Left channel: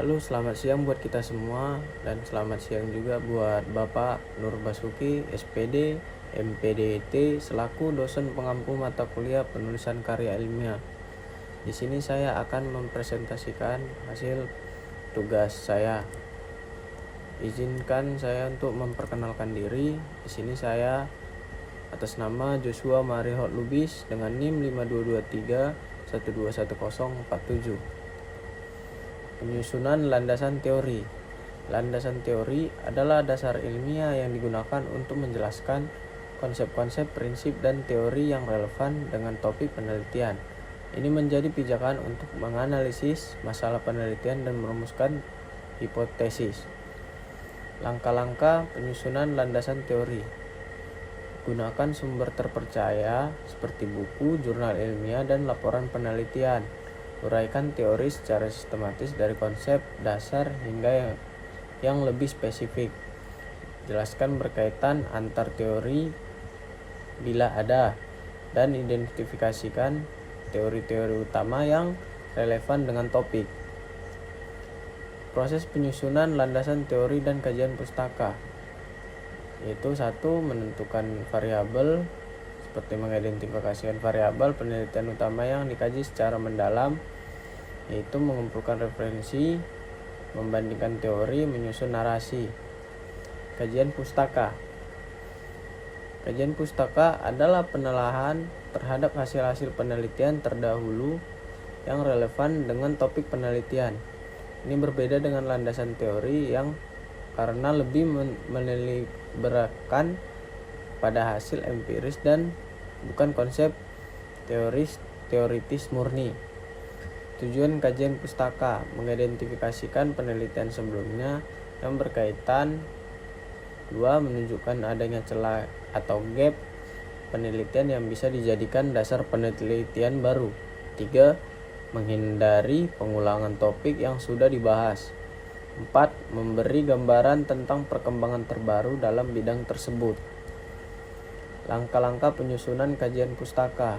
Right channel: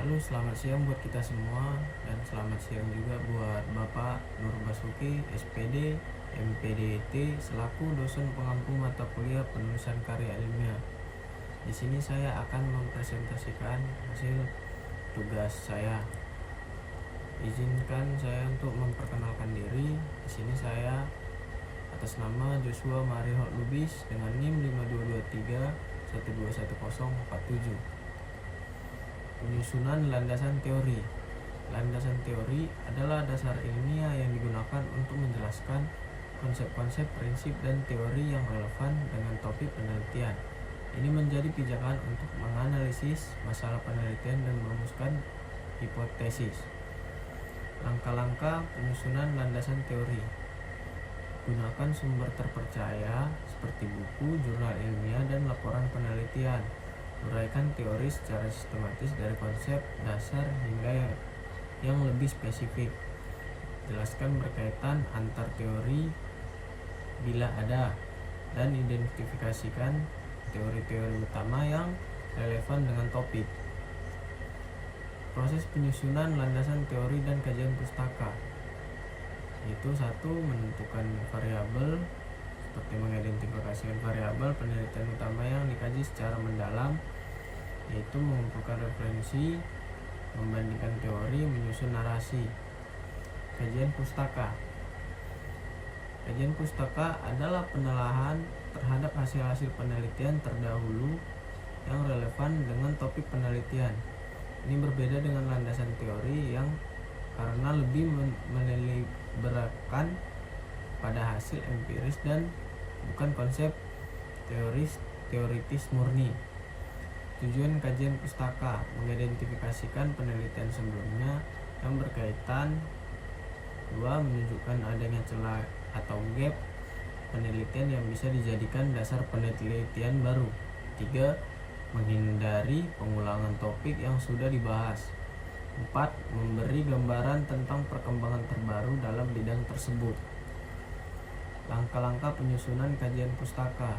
Halo, selamat siang buat kita semua dan selamat siang juga buat Bapak Nur Basuki, SPD, MPDT selaku dosen pengampu mata kuliah penulisan karya ilmiah. Di sini saya akan mempresentasikan hasil tugas saya. Izinkan saya untuk memperkenalkan diri. Di sini saya atas nama Joshua Marihot Lubis dengan NIM 5223 121047. Penyusunan landasan teori. Landasan teori adalah dasar ilmiah yang digunakan untuk menjelaskan konsep-konsep, prinsip, dan teori yang relevan dengan topik penelitian. Ini menjadi pijakan untuk menganalisis masalah penelitian dan merumuskan hipotesis. Langkah-langkah penyusunan landasan teori. Gunakan sumber terpercaya seperti buku, jurnal ilmiah, dan laporan penelitian. Uraikan teori secara sistematis dari konsep dasar hingga yang lebih spesifik. Jelaskan berkaitan antar teori bila ada, dan identifikasikan teori-teori utama yang relevan dengan topik. Proses penyusunan landasan teori dan kajian pustaka, yaitu 1. Menentukan variabel, seperti mengidentifikasikan variabel penelitian utama yang dikaji secara mendalam, yaitu mengumpulkan referensi, membandingkan teori, menyusun narasi. Kajian pustaka. Kajian pustaka adalah penelaahan terhadap hasil-hasil penelitian terdahulu yang relevan dengan topik penelitian. Ini berbeda dengan landasan teori yang karena lebih meneliberkan pada hasil empiris dan bukan konsep teoritis murni. Tujuan kajian pustaka: mengidentifikasikan penelitian sebelumnya yang berkaitan. 2. Menunjukkan adanya celah atau gap penelitian yang bisa dijadikan dasar penelitian baru. 3. Menghindari pengulangan topik yang sudah dibahas. 4. Memberi gambaran tentang perkembangan terbaru dalam bidang tersebut. Langkah-langkah penyusunan kajian pustaka,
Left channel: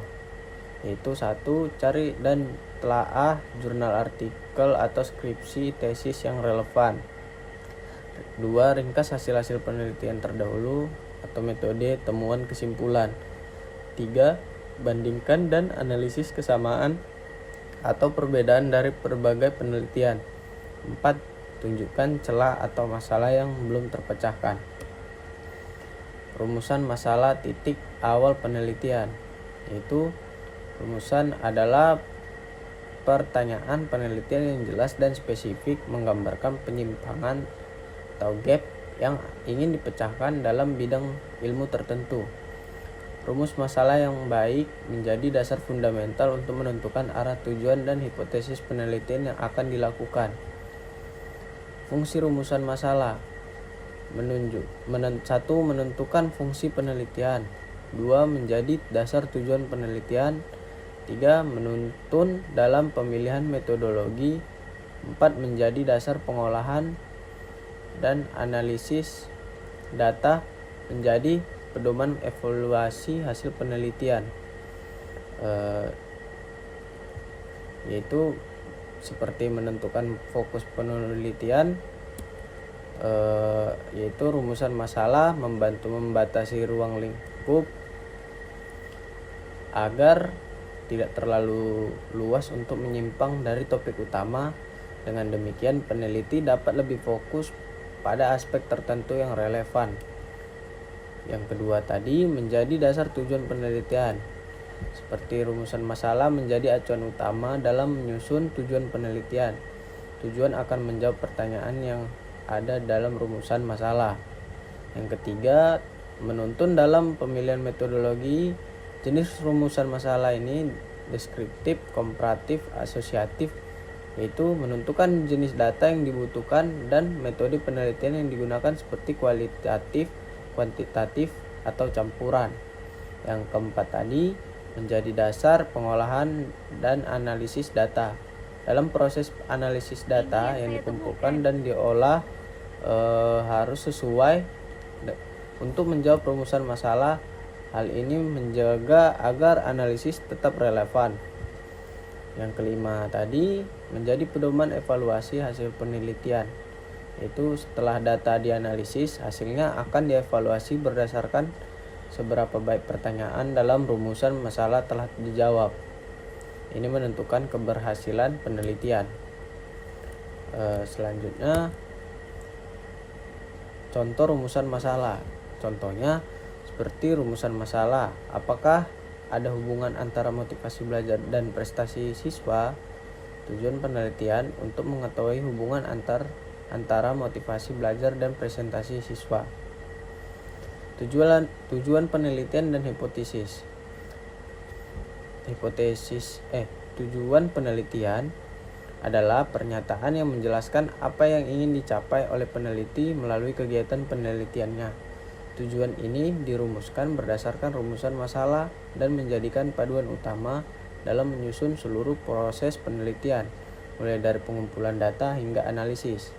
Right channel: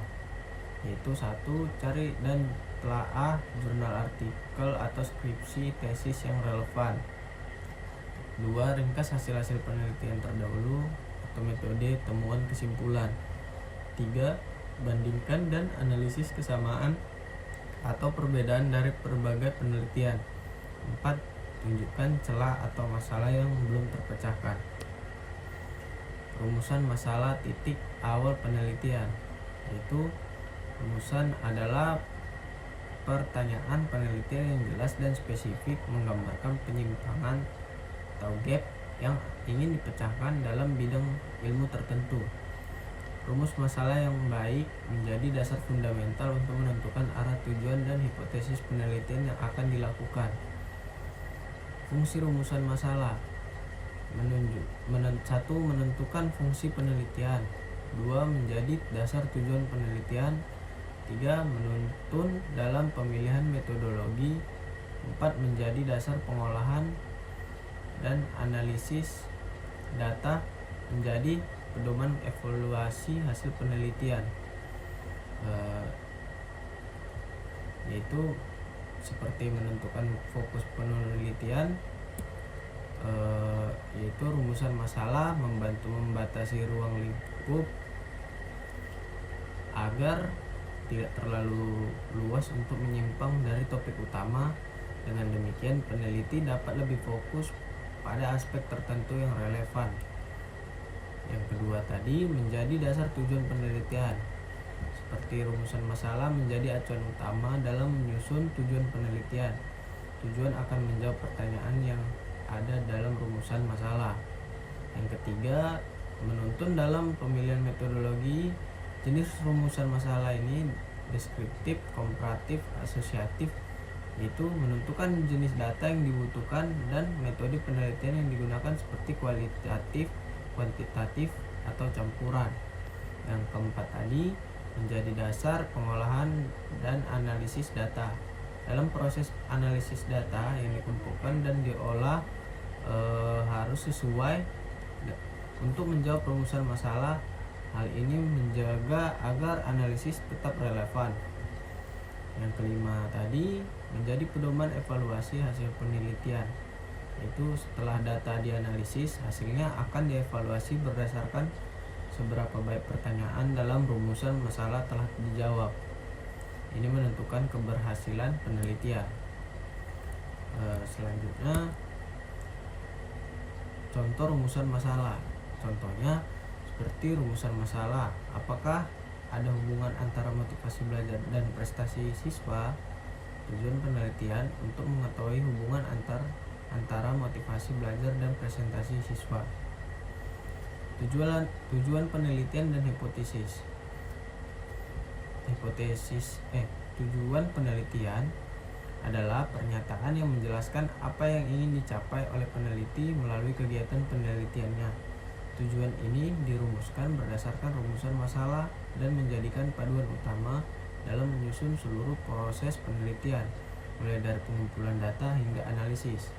yaitu 1. Cari dan telaah jurnal, artikel, atau skripsi tesis yang relevan. 2. Ringkas hasil-hasil penelitian terdahulu atau metode temuan kesimpulan. 3. Bandingkan dan analisis kesamaan atau perbedaan dari berbagai penelitian. 4. Tunjukkan celah atau masalah yang belum terpecahkan. Rumusan masalah titik awal penelitian, yaitu rumusan adalah pertanyaan penelitian yang jelas dan spesifik menggambarkan penyimpangan atau gap yang ingin dipecahkan dalam bidang ilmu tertentu. Rumus masalah yang baik menjadi dasar fundamental untuk menentukan arah tujuan dan hipotesis penelitian yang akan dilakukan. Fungsi rumusan masalah. 1. Menentukan fungsi penelitian. 2. Menjadi dasar tujuan penelitian. 3. Menuntun dalam pemilihan metodologi. 4. Menjadi dasar pengolahan dan analisis data, menjadi pedoman evaluasi hasil penelitian, yaitu seperti menentukan fokus penelitian, yaitu rumusan masalah membantu membatasi ruang lingkup agar tidak terlalu luas untuk menyimpang dari topik utama. Dengan demikian peneliti dapat lebih fokus pada aspek tertentu yang relevan. Yang kedua tadi menjadi dasar tujuan penelitian, seperti rumusan masalah menjadi acuan utama dalam menyusun tujuan penelitian. Tujuan akan menjawab pertanyaan yang ada dalam rumusan masalah. Yang ketiga, menuntun dalam pemilihan metodologi. Jenis rumusan masalah ini deskriptif, komparatif, asosiatif, yaitu menentukan jenis data yang dibutuhkan dan metode penelitian yang digunakan seperti kualitatif, kuantitatif, atau campuran. Yang keempat tadi menjadi dasar pengolahan dan analisis data. Dalam proses analisis data yang dikumpulkan dan diolah harus sesuai untuk menjawab rumusan masalah. Hal ini menjaga agar analisis tetap relevan. Yang kelima tadi menjadi pedoman evaluasi hasil penelitian. Itu setelah data dianalisis, hasilnya akan dievaluasi berdasarkan seberapa baik pertanyaan dalam rumusan masalah telah dijawab. Ini menentukan keberhasilan penelitian. Selanjutnya, contoh rumusan masalah. Contohnya seperti rumusan masalah, apakah ada hubungan antara motivasi belajar dan prestasi siswa? Tujuan penelitian untuk mengetahui hubungan antara motivasi belajar dan prestasi siswa. Tujuan penelitian dan hipotesis. Tujuan penelitian adalah pernyataan yang menjelaskan apa yang ingin dicapai oleh peneliti melalui kegiatan penelitiannya. Tujuan ini dirumuskan berdasarkan rumusan masalah dan menjadikan paduan utama dalam menyusun seluruh proses penelitian, mulai dari pengumpulan data hingga analisis.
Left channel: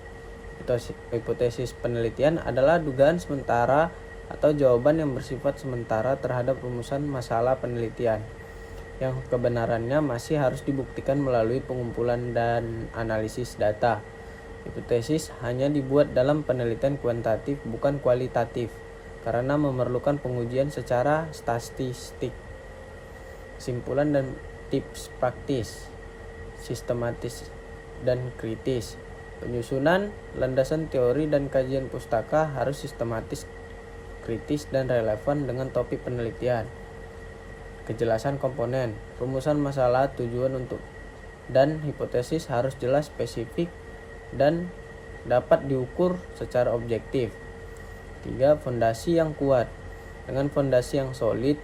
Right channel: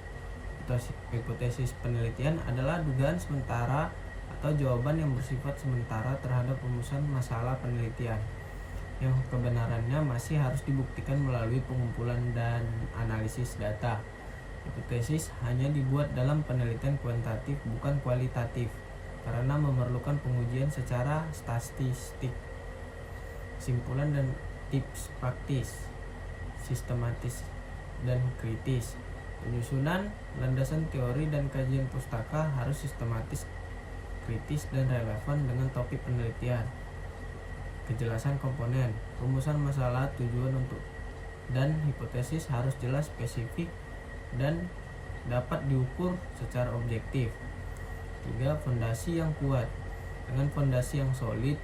Hipotesis penelitian adalah dugaan sementara atau jawaban yang bersifat sementara terhadap rumusan masalah penelitian, yang kebenarannya masih harus dibuktikan melalui pengumpulan dan analisis data. Hipotesis hanya dibuat dalam penelitian kuantitatif, bukan kualitatif, karena memerlukan pengujian secara statistik. Kesimpulan dan tips praktis: sistematis dan kritis. Penyusunan, landasan teori dan kajian pustaka harus sistematis, kritis, dan relevan dengan topik penelitian. Kejelasan komponen, rumusan masalah, tujuan untuk dan hipotesis harus jelas, spesifik, dan dapat diukur secara objektif. 3. Fondasi yang kuat. Dengan fondasi yang solid,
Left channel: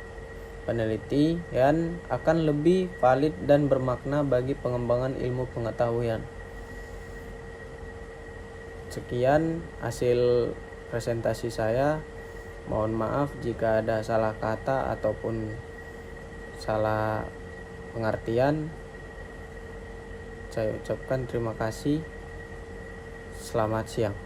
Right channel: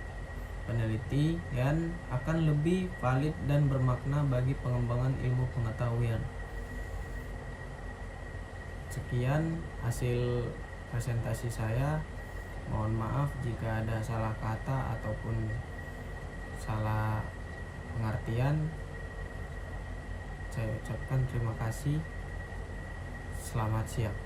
penelitian akan lebih valid dan bermakna bagi pengembangan ilmu pengetahuan. Sekian hasil presentasi saya. Mohon maaf jika ada salah kata ataupun salah pengertian. Saya ucapkan terima kasih. Selamat siang.